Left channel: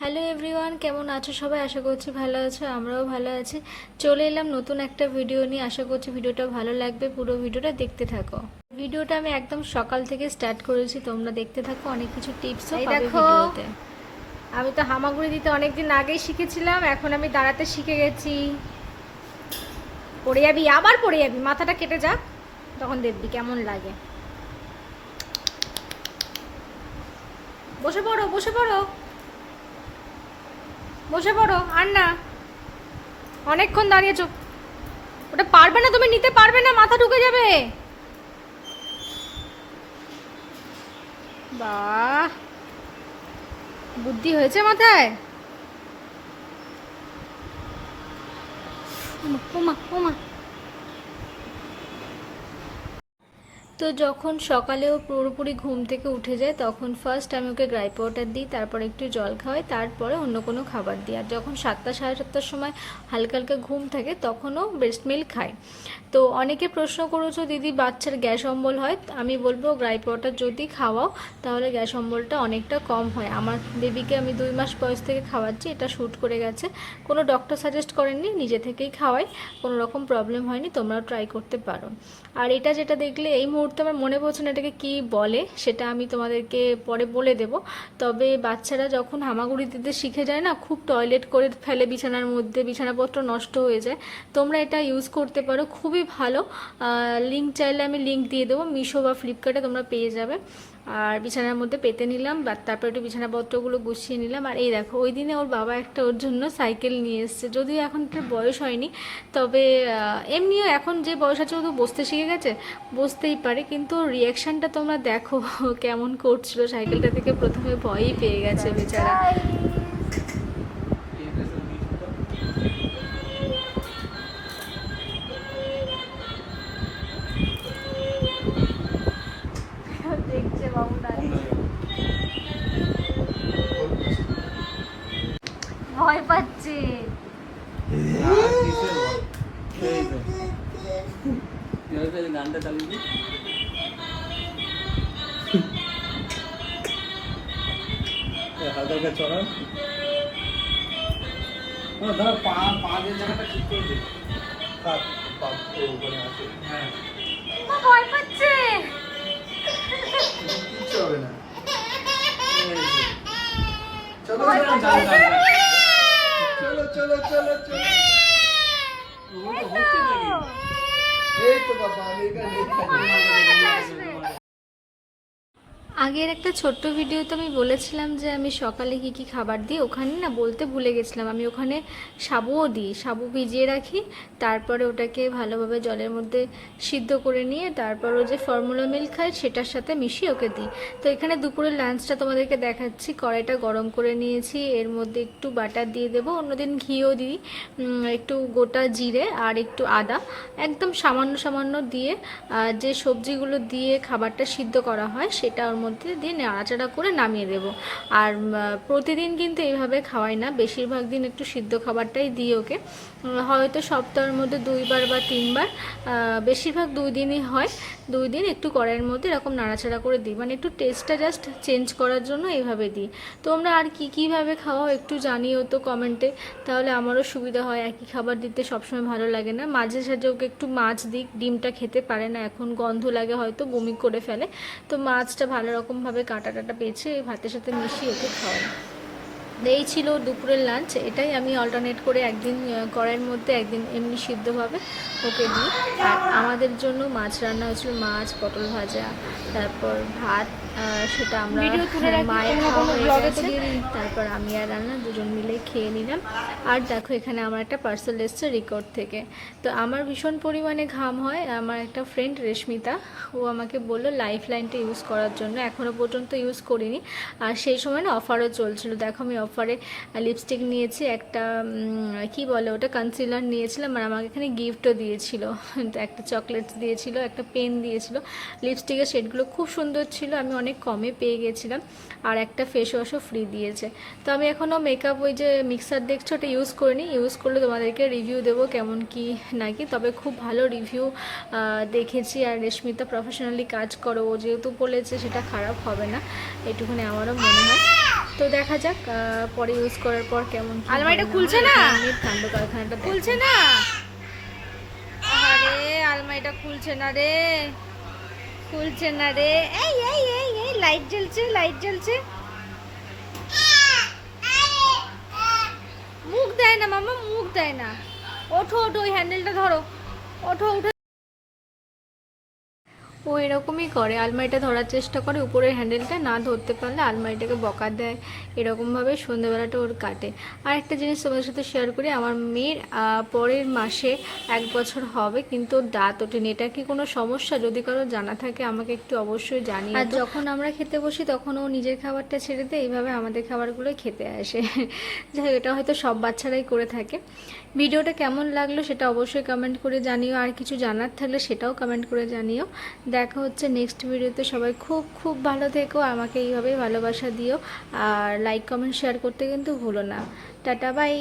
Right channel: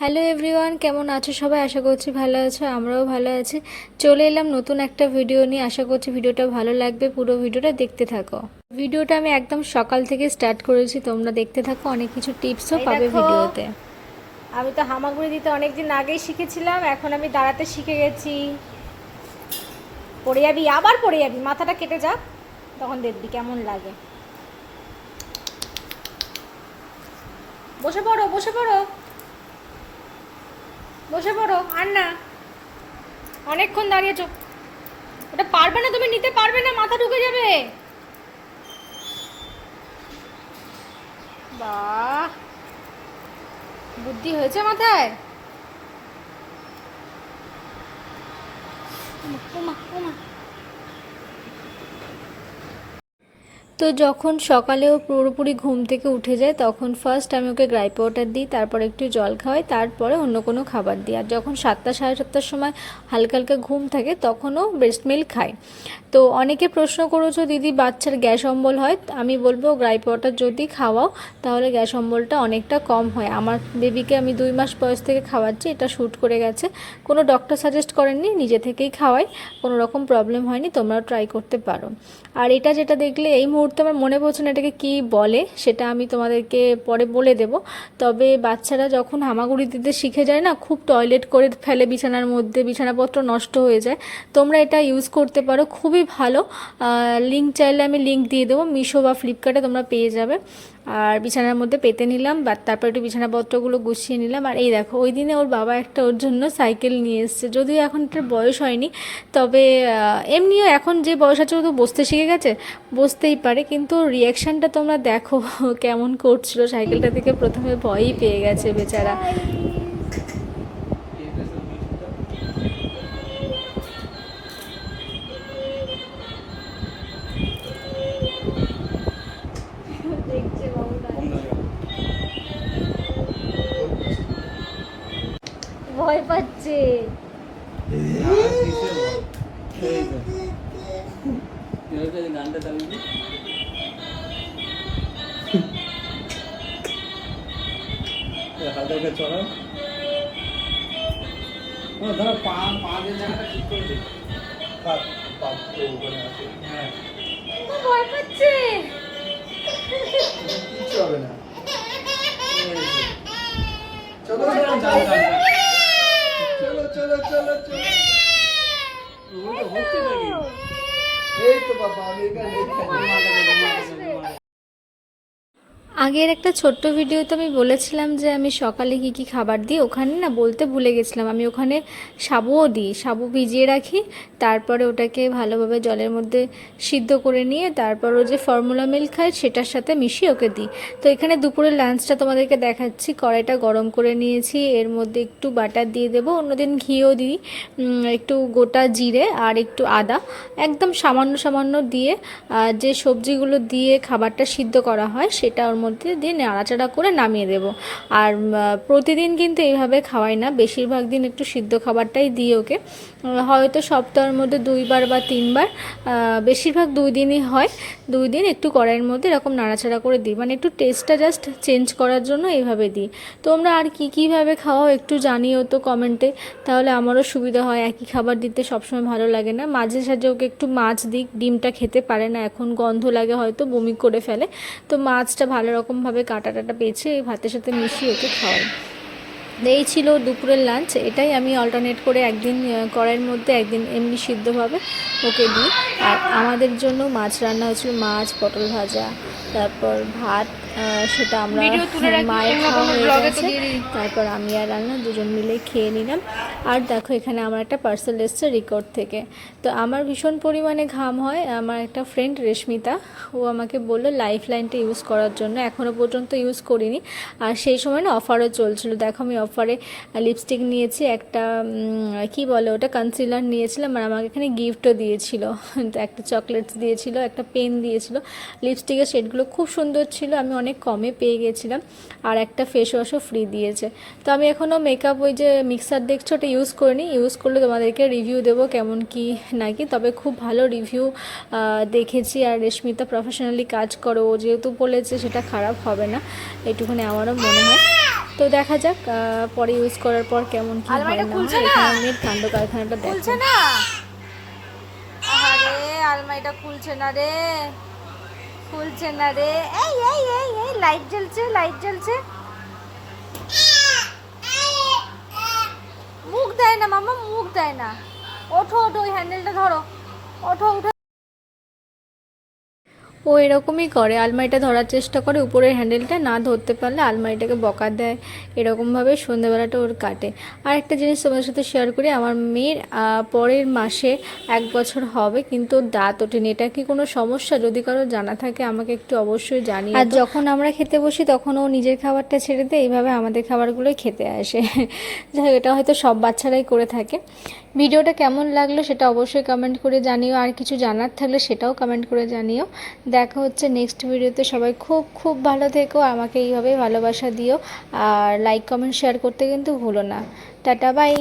Hello everyone কেমন আছো সবাই? আশা করছি ভালো আছো আমরাও ভালো আছি। চলে এলাম নতুন একটা ভিডিও নিয়ে। আশা করছি ভিডিওটা ভালো লাগবে পুরো ভিডিওটা দেখতে থাকো। ভিডিওটা আমি একদম সকাল থেকে স্টার্ট করেছি তোমরা দেখতে থাকো অনেক কিছু টিপসও পাবে ভিডিওতে আমি তো হামাগুড়ি দিতে অনেক দিন আগেই শিখেছিলাম এখন আমি দাঁড়াতে শিখে গেছি। পড়ে যাবি আবার পড়ে যাবি মাথাটা কেটে যাক তখন দেখবি কেমন লাগে। বসে পড়ো বসে পড়ো। বসে পড়ো আর না অনেকক্ষণ দাঁড়িয়েছ ওটা পারবে না তুমি নিতে পারবে না মাথা ঢুকে যাবে। বাহ। বুদ্ধি হয়েছে মাথায়? ওমা, ওমা ওমা তো যখন সকালেও পুরোপুরি ঘুম থেকে উঠে যায়, তখন ফার্স্ট আমি ওকে গ্রাই পাউডার দিই, তারপর একটু জল খাওয়াই, তারপরে অন্য কোনো খাবার দিই। আর যখন সাতটা, সাড়ে সাতটার সময় হালকা হালকা ঘুম থাকে তখনও ব্রেস্ট মিল্ক খায়। তো অনেকে প্রশ্ন করেছ, দিদি, বাচ্চার গ্যাস অম্বল হয়? আমি বলব, গ্রাই পাউডার যদি খাওয়াও, তাহলে গ্যাস অম্বলটা অনেকটা কম হয়। আমার বেবিকে আমি দুই মাস বয়স থেকে খাওয়াচ্ছি, এটা শ্যুট করে গেছে। কোনো ডক্টর সাজেস্ট করেননি, নিজে থেকেই খাওয়াই, কোনো রকম প্রবলেম হয়নি, তোমরাও ট্রাই করতে পারো। আর এটা যেটা দেখলে, এই মুহূর্তে আমার মনে পড়ছে না এটাকে কী বলে, সেটা আমি তোমাদেরকে পরে বলে দেব। তবে বাচ্চারা যখন হামাগুড়ি দিতে শিখে যায় না, খুব টয়লেট করে ফেলে বিছানার মধ্যে, বিছানাপত্র নষ্ট হয়ে যায়। তোমরা এটা ইউজ করতে পারো, খুবই ভালো। লিঙ্ক চাইলে আমি লিঙ্ক দিয়ে দেবো, মিশো বা ফ্লিপকার্টে তোমরা পেয়ে যাবে। আর বিছানার মধ্যে পেতে নিলাম, বা তারপর একটু বিছানাপত্রগুলো গুছিয়ে নিলাম। আর এই দেখো, ওই দিনে ওর বাবা একটা ওর জন্য সাইকেল নিয়ে এসছে। যদিও এখন এটার বয়স হয়নি, তবে এমনিও এখন যে বয়স আছে ও তো বসতে শিখে গেছে, বসতেই পারে। কিন্তু রিয়াকশানটা তোমরা দেখো কেমন করছিল। সাইকেলটা থেকে প্রথমে ভয়ই পেয়ে গেছে বেচারা। ভয় পাচ্ছে। গানটা চালিয়ে হালকা পা পা যে জায়গাটা ঠিক করে দে পা পা ওখানে আছে হ্যাঁ ভয় পাচ্ছে। এই তো বাবা আমি এখানে এখানে আগের একটা ছোট্ট ভিডিওতে আমি বলেছিলাম যে আমি সকালে কি কি খাবার দিই, ওখানে না বলতে ভুলে গেছিলাম। আমি ওখানে সাবুও দিই, সাবু ভিজিয়ে রাখি, তারপরে ওটাকে ভালোভাবে জলের মধ্যে সিদ্ধ করে নিয়ে তারপর ও যে ফর্মুলা মিল্ক খায় সেটার সাথে মিশিয়ে ওকে দিই। তো এখানে দুপুরের লাঞ্চটা তোমাদেরকে দেখাচ্ছি। কড়াইটা গরম করে নিয়েছি, এর মধ্যে একটু বাটার দিয়ে দেবো, অন্যদিন ঘিও দিই একটু গোটা জিরে আর একটু আদা, একদম সামান্য সামান্য দিয়ে যে সবজিগুলো দিয়ে খাবারটা সিদ্ধ করা হয় সেটা ওর মধ্যে দিয়ে নাড়াচাড়া করে নামিয়ে দেবো। আর প্রতিদিন কিন্তু এইভাবে খাওয়াই না। বেশিরভাগ দিন একটু সিদ্ধ খাবারটাই দিই ওকে। হয়তো সপ্তাহের মধ্যে দুইবার বা তিনবার বেশিরভাগ দুই দিনই হয়। দুই দিন একটু কড়াইয়ের মধ্যে এরকম নাড়াচাড়া করে দিই। মানে একটু টেস্টটা জাস্ট চেঞ্জ করার জন্য এইভাবে দিই। তোমরা আর কি কীভাবে খাওয়াও একটু জানিও তো কমেন্টে তাহলে আমারও সুবিধা হয়। একই খাবার দিতে সবসময় ভালো লাগে না। মাঝে সাঝে ওকে একটু মাছ দিই ডিমটা খেতে পারে না। এখন গন্ধ লাগে হয়তো বমি করে ফেলে। তো মাছটা ভালো রকমভাবে কাটা টাটা এই ভাতের সাথে মিশিয়ে ওকে খাওয়াই। এই ছিল দুপুরের লাঞ্চ এটাই আমি অল্টারনেট করে একদিন কড়াইয়ের মধ্যে একদিন এমনি সিদ্ধভাবে ওকে দিই। আর আমাদের জন্য মাছ রান্না হয়েছিল মাছ পটল ভাজা তারপর ভাত সেটা আমরা। দিয়ে। তারপর আমি আর রান্না দুজন মিলে খেয়ে নিলাম। আর দেখো এখানে আমার একটা পার্সেল এসছে রেকর্ড থেকে। তো আমার ভীষণ পরিমাণে ঘাম হয়। আমার একটা ফ্রেন্ড রেশমিতা ও আমাকে বলল লাইফ লাইনটা ইউজ করার জন্য। এখনও পর্যন্ত ইউজ করিনি। আর সেই সময় না অফারও চলছিল। দেখো আমি অফারে লিপস্টিক নিয়েছি একটা কি বলে ওটা কনসিলার নিয়েছিলাম। আর আমাকে এখানে গিফটও দিয়েছিল একটা চকলেটস দিয়েছিল একটা পেন দিয়েছিল। লিপস্টিকের শেডগুলো খুব সুন্দর ছিল আমি অনেক কমে পেয়ে গেছিলাম আর একটা ফেস ওয়াশও ফ্রি দিয়েছে। তো আমি এখনও মেকআপ ওই যে মিক্সার দেখছ ওটা ইউজ করিনি। ইউজ করলে তোমাদেরকে রিভিউ দেবো কেমন কি নাকি তবে খুব ভালো রিভিউ দেখেছি। আর রেশমিতা প্রফেশনালি কাজ করো ও যেহেতু বলেছে সেটা খারাপ হবে না একটুখানি আমারও মনে হয়। তো দেখা যাক পরে ইউজ করার পর কেমন কি আলমারিটা খুলছে না? কাণ্ড কারখানাটা খুলছে না? আলমারিটা খুলছে না রে। খুলছে না রে। এই এই এই এই লাইট জ্বলছে লাইট জ্বলছে। মুখ দেয় না মামা মুখ দেয় না। ওঠো ওঠো, ওই হ্যান্ডেলটা ধরো। ওঠো উঠে ও এরকমই করে। আলমারিটা ধরার চেষ্টা করে উপরের হ্যান্ডেলটা না ধরতে পারলে আলমারিটাকে বকা দেয়। এরকমভাবে সন্ধ্যেবেলাটা ওর কাটে। আর একটা জিনিস তোমাদের সাথে শেয়ার করি আমার মেয়ের পরের মাসে এক বছর হবে কিন্তু ওর দাঁত ওঠেনি। এটা কি কোনো সমস্যা? যদি কারও জানা থাকে আমাকে একটু অবশ্যই জানিয়ে আর যখন আমরা খেতে বসি তখন ও নিজের খাবারটা ছেড়ে দেয় এইভাবে আমাদের খাবারগুলোই খেতে আসে। এটা হয়তো সব বাচ্চারাই করে থাকে। ভিডিওটা কেমন লাগল সেটা অবশ্যই কমেন্ট করে জানিও। আর কিছু জানার থাকলে সেটাও কমেন্ট করে জানিও। দেখা হচ্ছে নেক্সট ভিডিওতে সবাই খুব খুব ভালো থেকো। আমাকে এইভাবেই ভালোবাসা দিও। আর লাইক কমেন্ট শেয়ার করতে কিন্তু ভুলো না। Tata bye